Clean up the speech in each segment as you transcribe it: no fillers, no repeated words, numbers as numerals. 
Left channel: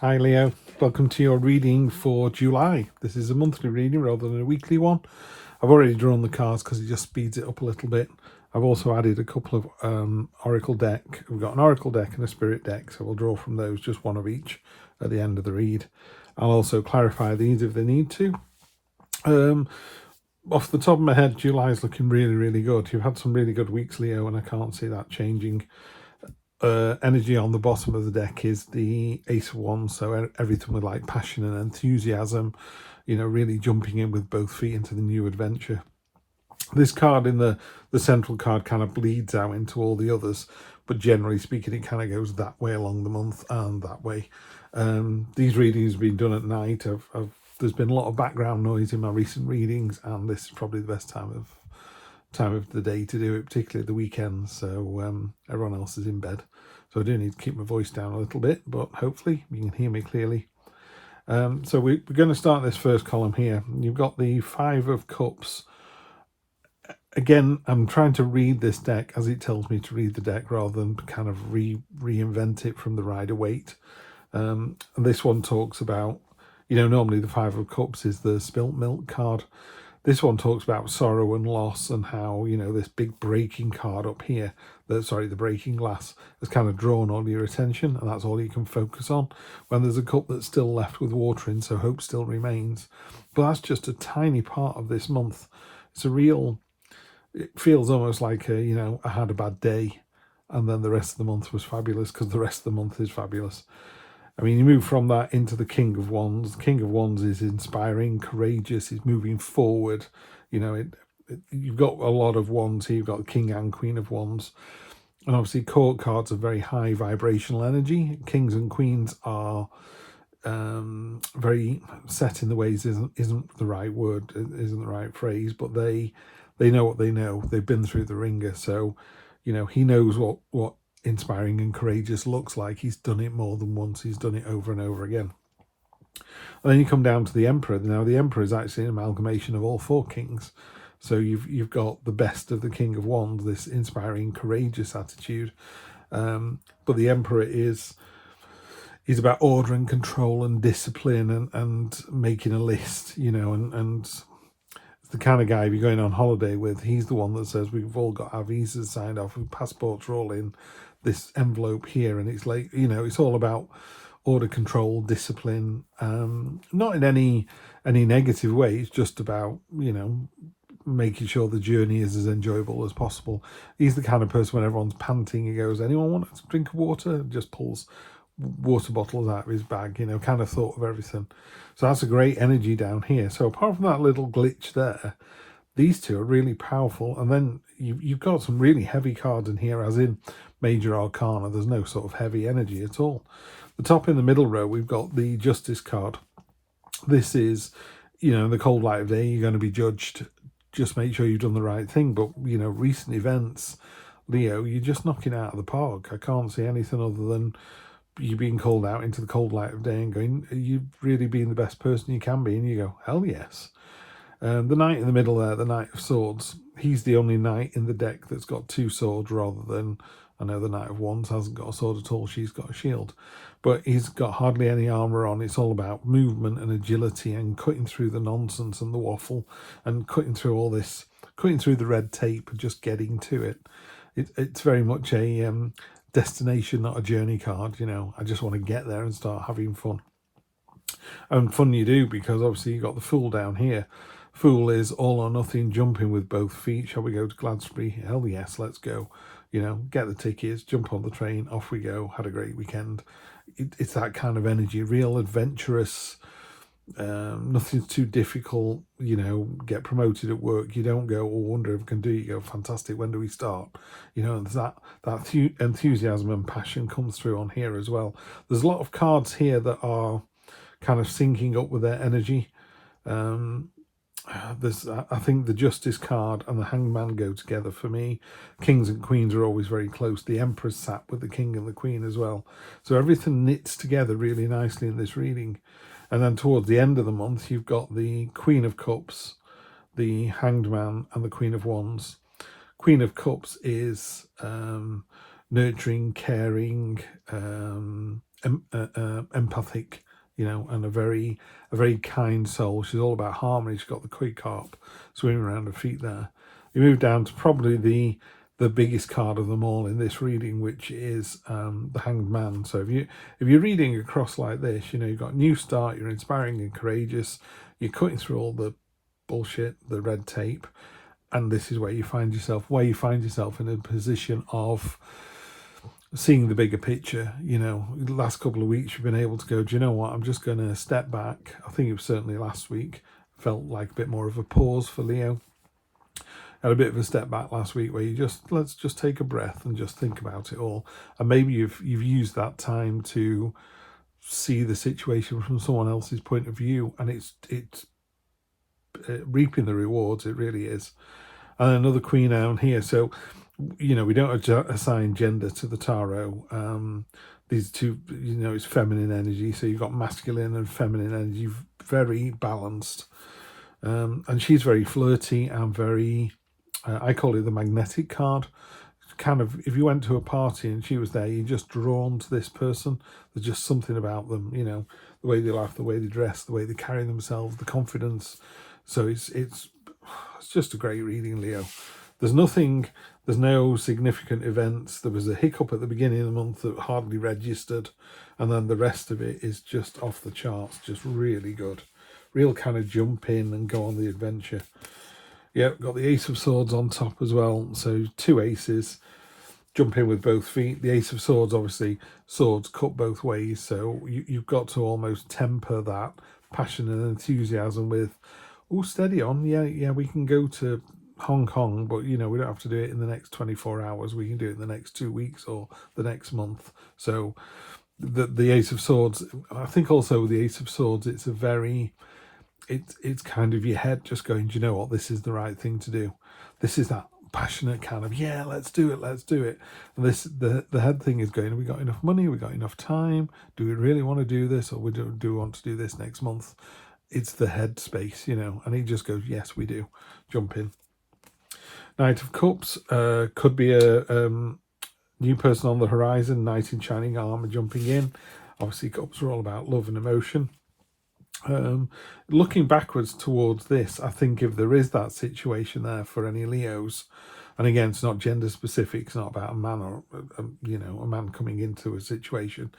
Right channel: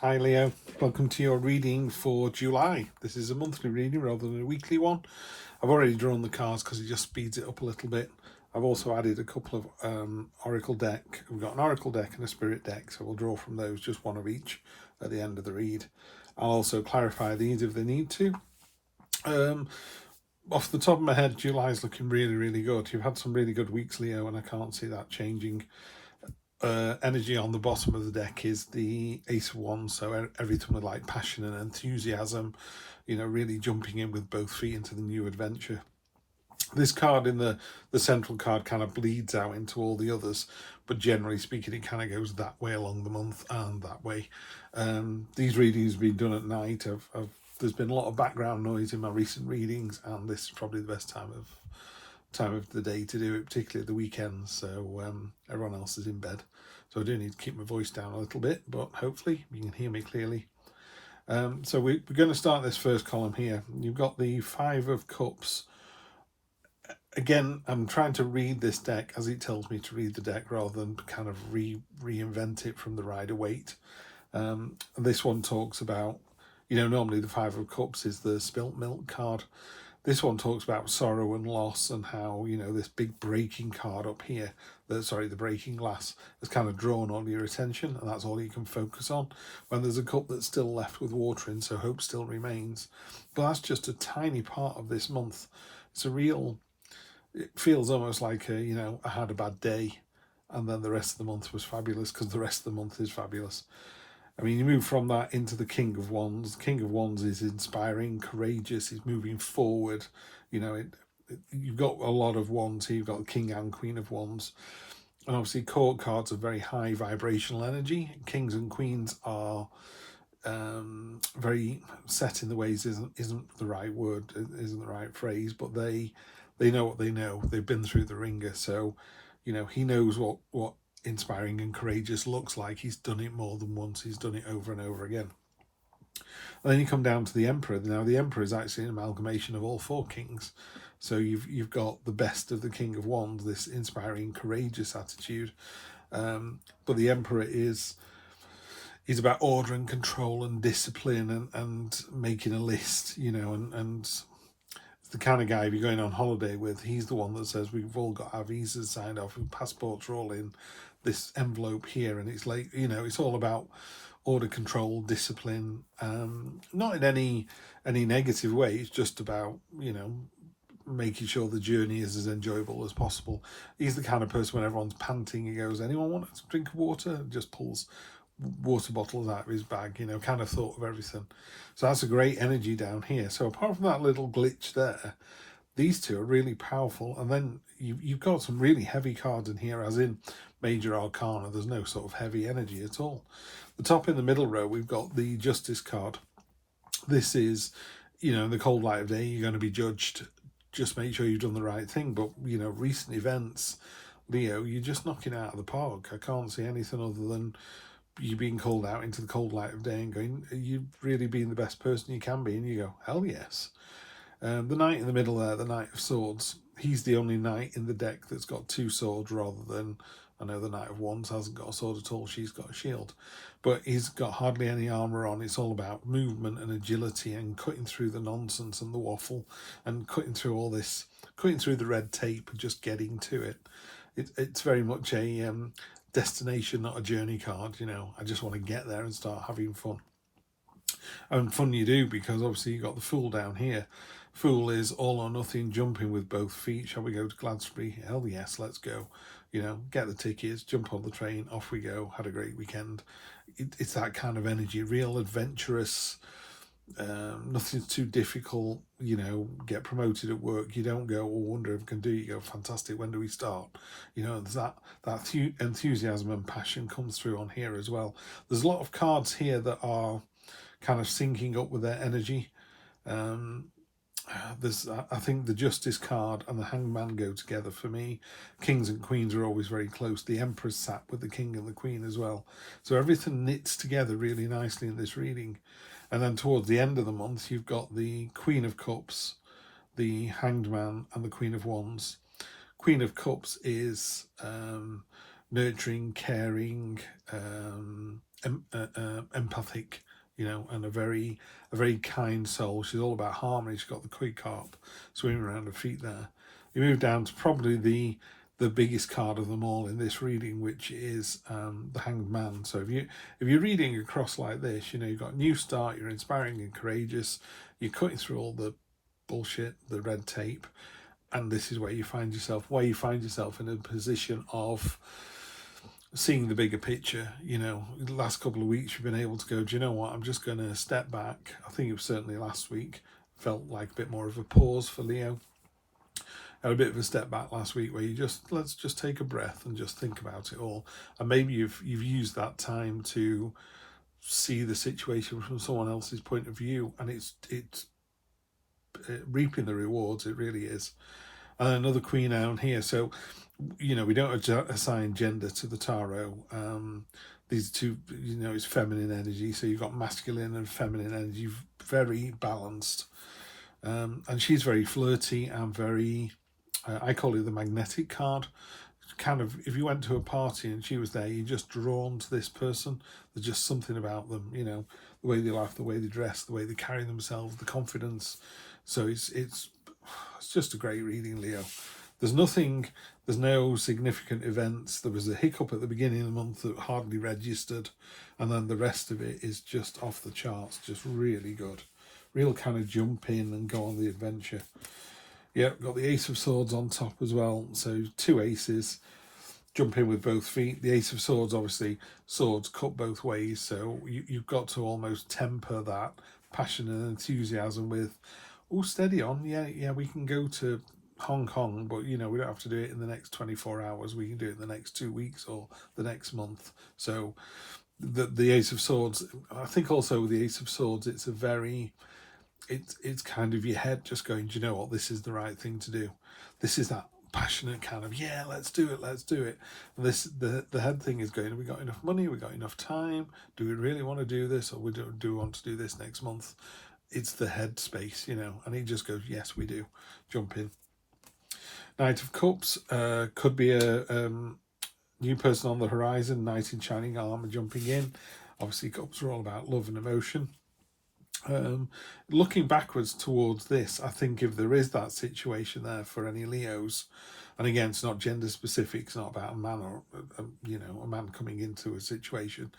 Hi Leo, welcome to your reading for July. This is a monthly reading rather than a weekly one. I've already drawn the cards because it just speeds it up a little bit. I've also added a couple of oracle deck. We've got an oracle deck and a spirit deck, so we'll draw from those, just one of each at the end of the read. I'll also clarify these if they need to. Off the top of my head, July's looking really, really good. You've had some really good weeks, Leo, and I can't see that changing. Energy on the bottom of the deck is the Ace of Wands, so everything with like passion and enthusiasm, really jumping in with both feet into the new adventure. This card in the central card kind of bleeds out into all the others, but generally speaking it kind of goes that way along the month and that way. These readings have been done at night. There's been a lot of background noise in my recent readings, and this is probably the best time of the day to do it, particularly at the weekends, so everyone else is in bed. So I do need to keep my voice down a little bit, but hopefully you can hear me clearly. So we're going to start this first column here. You've got the Five of Cups. Again, I'm trying to read this deck as it tells me to read the deck rather than kind of reinvent it from the Rider-Waite. And this one talks about, normally the Five of Cups is the spilt milk card. This one talks about sorrow and loss and how, this big breaking card up here, the breaking glass, has kind of drawn all your attention, and that's all you can focus on when there's a cup that's still left with water in, so hope still remains. But that's just a tiny part of this month. It feels almost like I had a bad day and then the rest of the month was fabulous, because the rest of the month is fabulous. I mean, you move from that into the King of Wands. The King of Wands is inspiring, courageous, he's moving forward. You've got a lot of wands here. You've got King and Queen of Wands. And obviously court cards are very high vibrational energy. Kings and Queens are very set in the ways isn't the right word, isn't the right phrase, but they know what they know. They've been through the ringer. So, he knows what inspiring and courageous looks like. He's done it more than once. He's done it over and over again. And then you come down to the Emperor. Now the Emperor is actually an amalgamation of all four kings. So you've got the best of the King of Wands, this inspiring, courageous attitude. But the Emperor is about order and control and discipline and making a list, and the kind of guy, if you're going on holiday with, he's the one that says we've all got our visas signed off, passports are all in this envelope here, and it's like, it's all about order, control, discipline, not in any negative way. It's just about making sure the journey is as enjoyable as possible. He's the kind of person, when everyone's panting, he goes, anyone want a drink of water, and just pulls water bottles out of his bag, kind of thought of everything. So that's a great energy down here. So apart from that little glitch there, these two are really powerful. And then you've got some really heavy cards in here, as in Major Arcana. There's no sort of heavy energy at all. The top in the middle row, we've got the Justice card. This is, in the cold light of day, you're going to be judged. Just make sure you've done the right thing. But, recent events, Leo, you're just knocking it out of the park. I can't see anything other than you being called out into the cold light of day and going, are you really being the best person you can be? And you go, hell yes. The knight in the middle there, the Knight of Swords, he's the only knight in the deck that's got two swords, rather than, I know the Knight of Wands hasn't got a sword at all, she's got a shield. But he's got hardly any armour on. It's all about movement and agility and cutting through the nonsense and the waffle and cutting through all this, cutting through the red tape and just getting to it. It's very much a destination, not a journey card. I just want to get there and start having fun. And fun you do, because obviously you've got the Fool down here. Fool is all or nothing, jumping with both feet. Shall we go to Gladsbury? Hell yes, let's go. Get the tickets, jump on the train, off we go. Had a great weekend. It's that kind of energy, real adventurous. Nothing's too difficult. Get promoted at work, you don't go, oh, wonder if I can do it. You go, fantastic, when do we start? There's that enthusiasm and passion comes through on here as well. There's a lot of cards here that are kind of syncing up with their energy. I think the Justice card and the Hangman go together for me. Kings and Queens are always very close. The Emperor's sat with the King and the Queen as well. So everything knits together really nicely in this reading. And then towards the end of the month, you've got the Queen of Cups, the Hanged Man, and the Queen of Wands. Queen of Cups is nurturing, caring, empathic, you know, and a very kind soul. She's all about harmony. She's got the quick harp swimming around her feet there. You move down to probably the biggest card of them all in this reading, which is the Hanged Man. So if you're reading across like this, you know, you've got new start, you're inspiring and courageous, you're cutting through all the bullshit, the red tape, and this is where you find yourself in a position of seeing the bigger picture. You know, the last couple of weeks you've been able to go, do you know what, I'm just going to step back. I think it was certainly last week, felt like a bit more of a pause for Leo. Had a bit of a step back last week where you let's just take a breath and just think about it all. And maybe you've used that time to see the situation from someone else's point of view, and it's reaping the rewards. It really is. And another Queen down here. So, you know, we don't assign gender to the tarot. These two, you know, it's feminine energy. So you've got masculine and feminine energy, very balanced. And she's very flirty and very, I call it the magnetic card. Kind of, if you went to a party and she was there, you're just drawn to this person. There's just something about them, you know, the way they laugh, the way they dress, the way they carry themselves, the confidence. So it's just a great reading, Leo. There's no significant events. There was a hiccup at the beginning of the month that hardly registered, and then the rest of it is just off the charts, just really good. Real kind of jump in and go on the adventure. Yep, got the Ace of Swords on top as well. So two aces, jump in with both feet. The Ace of Swords, obviously, swords cut both ways. So you've got to almost temper that passion and enthusiasm with, oh, steady on. Yeah, we can go to Hong Kong, but, you know, we don't have to do it in the next 24 hours. We can do it in the next 2 weeks or the next month. So the Ace of Swords, I think also the Ace of Swords, it's a very... It's kind of your head just going, do you know what, this is the right thing to do. This is that passionate kind of, yeah, let's do it. And the head thing is going, have we got enough money? Have we got enough time? Do we really want to do this? Or do we want to do this next month? It's the head space, you know, and he just goes, yes, we do. Jump in. Knight of Cups could be a new person on the horizon, knight in shining armour jumping in. Obviously, cups are all about love and emotion. Looking backwards towards this, I think if there is that situation there for any Leos, and again, it's not gender specific, it's not about a man or a man coming into a situation.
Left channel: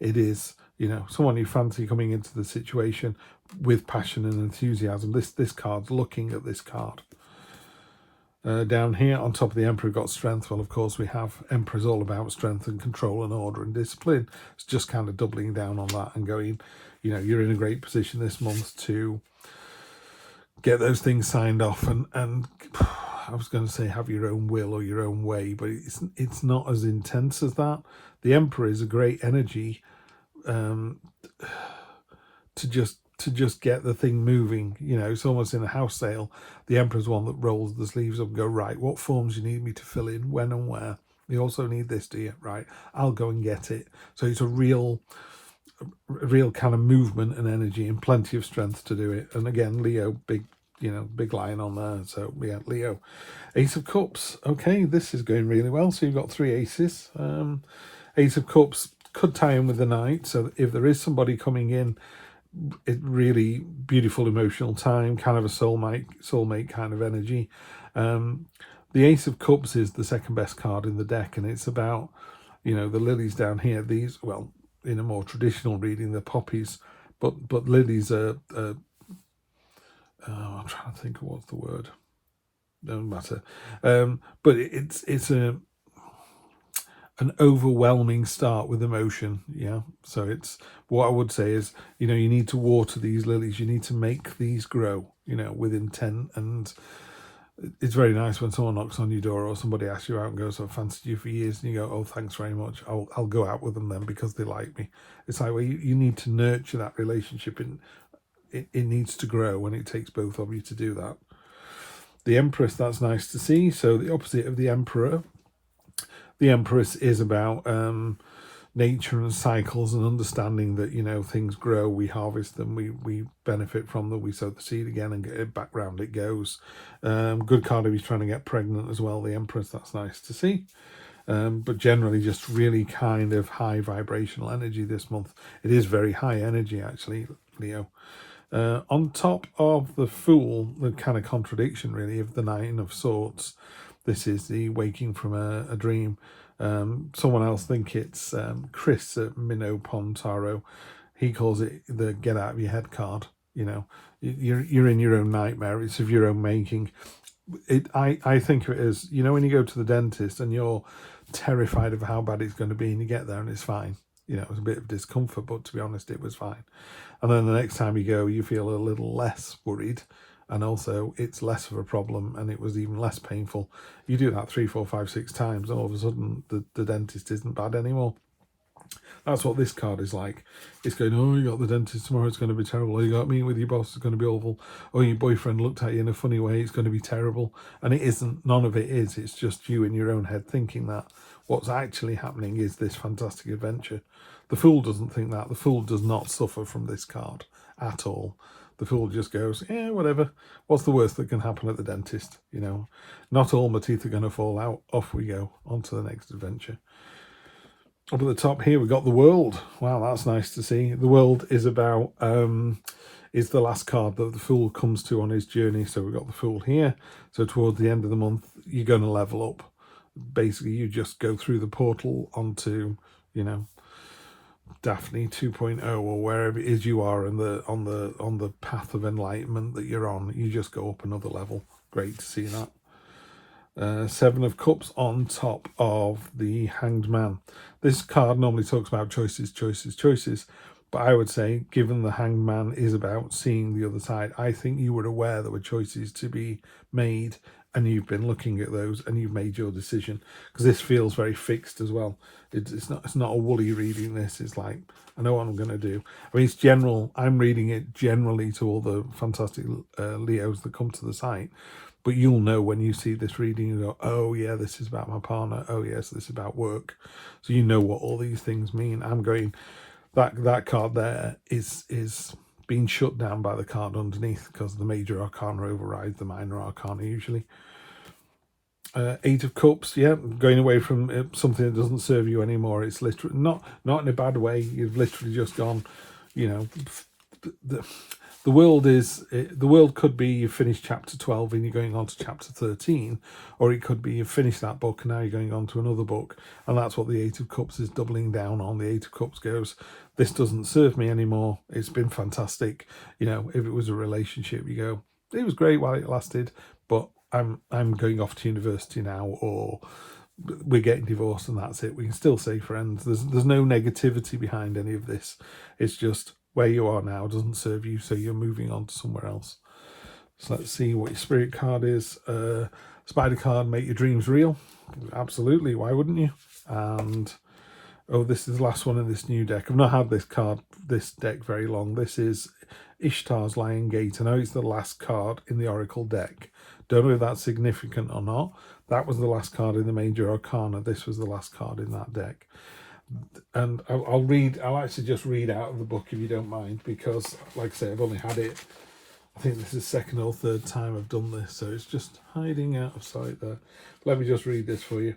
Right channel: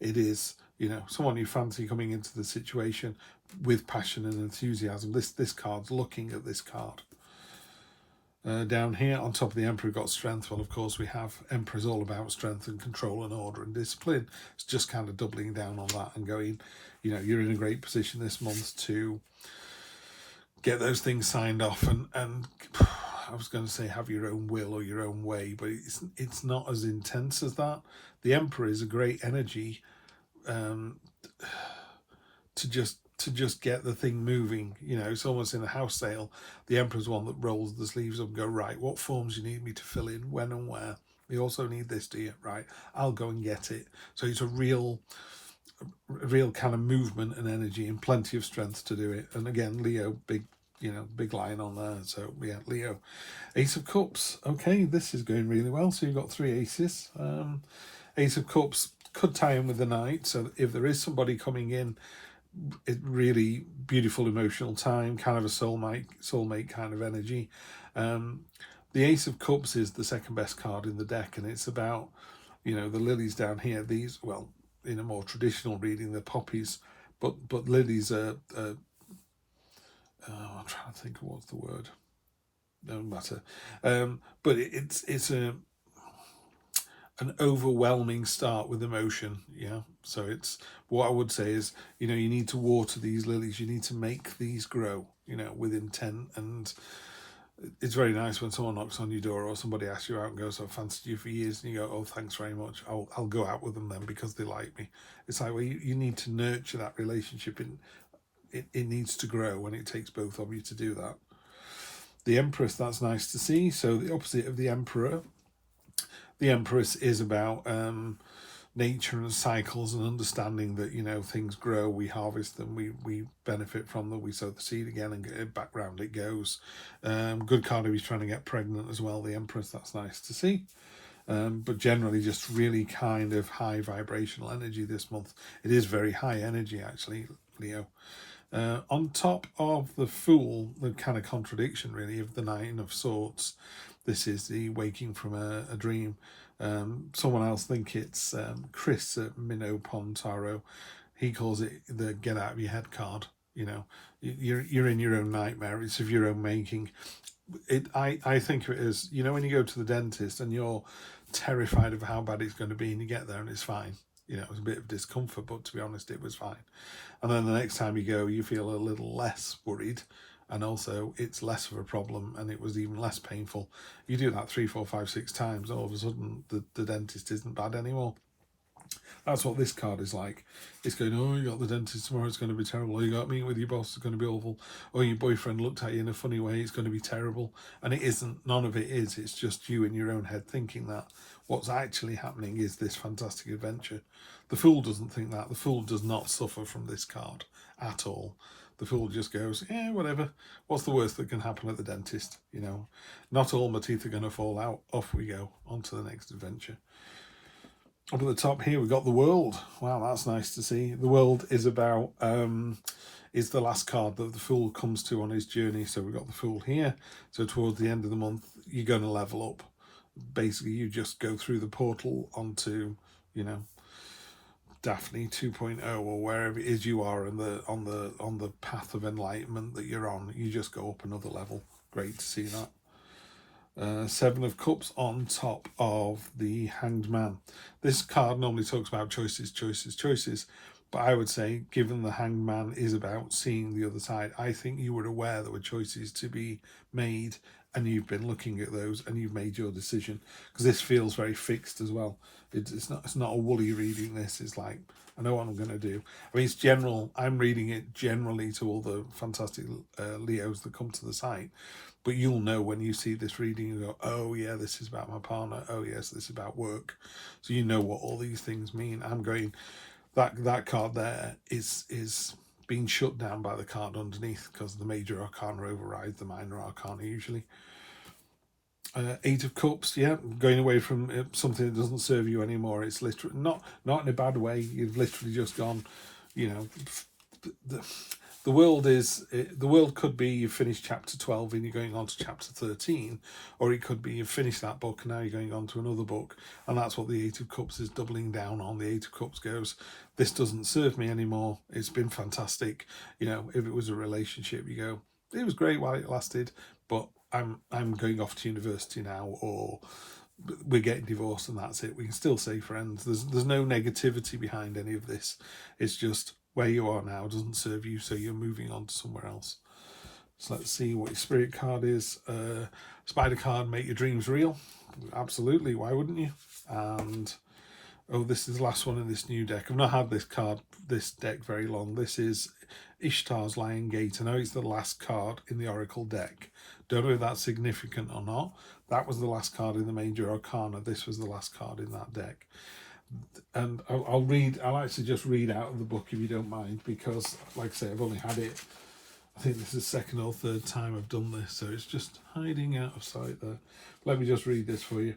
It is, you know, someone you fancy coming into the situation with passion and enthusiasm. This card's looking at this card. Down here on top of the Emperor, we've got strength. Well, of course, we have Emperor's all about strength and control and order and discipline. It's just kind of doubling down on that and going, you know, you're in a great position this month to get those things signed off and I was going to say have your own will or your own way, but it's not as intense as that. The Emperor is a great energy to just get the thing moving. You know, it's almost in a house sale. The Emperor's one that rolls the sleeves up and go, right, what forms you need me to fill in, when and where. You also need this, do you? Right, I'll go and get it. So it's a real kind of movement and energy and plenty of strength to do it. And again, Leo, big line on there. So yeah, Leo. Ace of Cups. Okay, this is going really well. So you've got three aces. Ace of Cups could tie in with the Knight. So if there is somebody coming in, it really beautiful emotional time, kind of a soulmate kind of energy. The Ace of Cups is the second best card in the deck, and it's about, you know, the lilies down here. These, well, in a more traditional reading, the poppies, but lilies are I'm trying to think of what's the word. Doesn't matter. But it's an overwhelming start with emotion. Yeah. So it's, what I would say is, you know, you need to water these lilies. You need to make these grow, you know, with intent. And it's very nice when someone knocks on your door or somebody asks you out and goes, I've fancied you for years, and you go, oh, thanks very much. I'll go out with them then because they like me. It's like, well, you need to nurture that relationship, and it needs to grow, and it takes both of you to do that. The Empress, that's nice to see. So the opposite of the Emperor. The Empress is about nature and cycles and understanding that, you know, things grow, we harvest them, we benefit from them, we sow the seed again and get it back round it goes. Good card if he's trying to get pregnant as well, the Empress, that's nice to see. But generally just really kind of high vibrational energy this month. It is very high energy, actually, Leo. On top of the Fool, the kind of contradiction really of the Nine of Swords, this is the waking from a dream. Someone else think it's Chris at Minnow Pond Tarot. He calls it the get out of your head card. You know, you're in your own nightmare. It's of your own making. I think of it as, you know, when you go to the dentist and you're terrified of how bad it's going to be, and you get there and it's fine. You know, it was a bit of discomfort, but to be honest, it was fine. And then the next time you go, you feel a little less worried, and also it's less of a problem, and it was even less painful. You do that 3, 4, 5, 6 times, and all of a sudden the dentist isn't bad anymore. That's what this card is like. It's going, oh, you got the dentist tomorrow, it's going to be terrible. Oh, you got meeting with your boss, it's going to be awful. Oh, your boyfriend looked at you in a funny way, it's going to be terrible. And it isn't, none of it is. It's just you in your own head thinking that. What's actually happening is this fantastic adventure. The Fool doesn't think that. The Fool does not suffer from this card at all. The Fool just goes, yeah, whatever. What's the worst that can happen at the dentist? You know, not all my teeth are going to fall out. Off we go, on to the next adventure. Up at the top here, we've got the World. Wow, that's nice to see. The World is about, is the last card that the Fool comes to on his journey. So we've got the Fool here. So towards the end of the month, you're going to level up. Basically, you just go through the portal onto, you know, Daphne 2.0 or wherever it is you are in the on the path of enlightenment that you're on. You just go up another level. Great to see that. 7 of Cups on top of the Hanged Man. This card normally talks about choices, choices, choices, but I would say, given the Hanged Man is about seeing the other side, I think you were aware there were choices to be made, and you've been looking at those and you've made your decision, because this feels very fixed as well. It's not a woolly reading. This is like, I know what I'm going to do. I mean, it's general. I'm reading it generally to all the fantastic Leos that come to the site, but you'll know when you see this reading, you go, oh yeah, this is about my partner. Oh yes, this is about work. So you know what all these things mean. I'm going, that card there is being shut down by the card underneath, because the major arcana overrides the minor arcana usually. 8 of Cups, yeah, going away from something that doesn't serve you anymore. It's literally not in a bad way. You've literally just gone, you know, the world could be you finished chapter 12 and you're going on to chapter 13, or it could be you finished that book and now you're going on to another book, and that's what the 8 of Cups is doubling down on. The 8 of Cups goes, this doesn't serve me anymore. It's been fantastic. You know, if it was a relationship, you go, it was great while it lasted, but I'm going off to university now, or we're getting divorced and that's it. We can still say friends. There's no negativity behind any of this. It's just where you are now doesn't serve you, so you're moving on to somewhere else. So let's see what your spirit card is. Spider card, make your dreams real. Absolutely, why wouldn't you? And oh, this is the last one in this new deck. I've not had this deck very long. This is Ishtar's Lion Gate. I know it's the last card in the Oracle deck. Don't know if that's significant or not. That was the last card in the Major Arcana. This was the last card in that deck. And I'll actually just read out of the book if you don't mind, because like I say, I've only had it, I think this is the second or third time I've done this, so it's just hiding out of sight there. Let me just read this for you.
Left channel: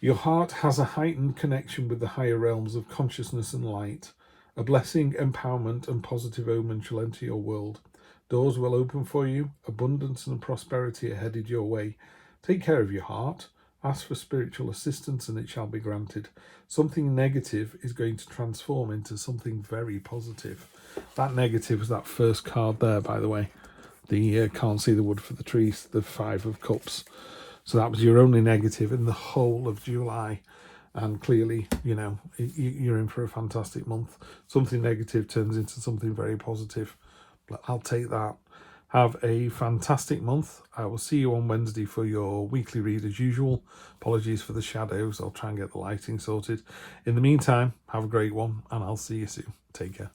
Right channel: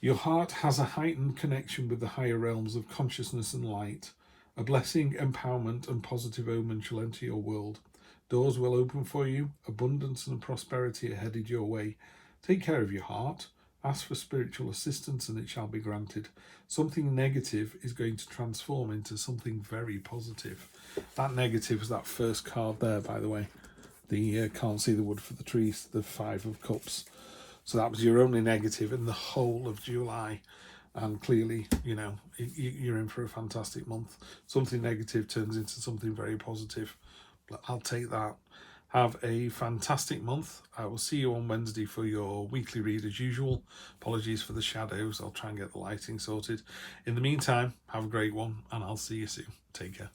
Your heart has a heightened connection with the higher realms of consciousness and light. A blessing, empowerment, and positive omen shall enter your world. Doors will open for you. Abundance and prosperity are headed your way. Take care of your heart. Ask for spiritual assistance and it shall be granted. Something negative is going to transform into something very positive. That negative is that first card there, by the way. The can't see the wood for the trees, the 5 of Cups. So that was your only negative in the whole of July. And clearly, you know, you're in for a fantastic month. Something negative turns into something very positive. But I'll take that. Have a fantastic month. I will see you on Wednesday for your weekly read as usual. Apologies for the shadows. I'll try and get the lighting sorted. In the meantime, have a great one, and I'll see you soon. Take care.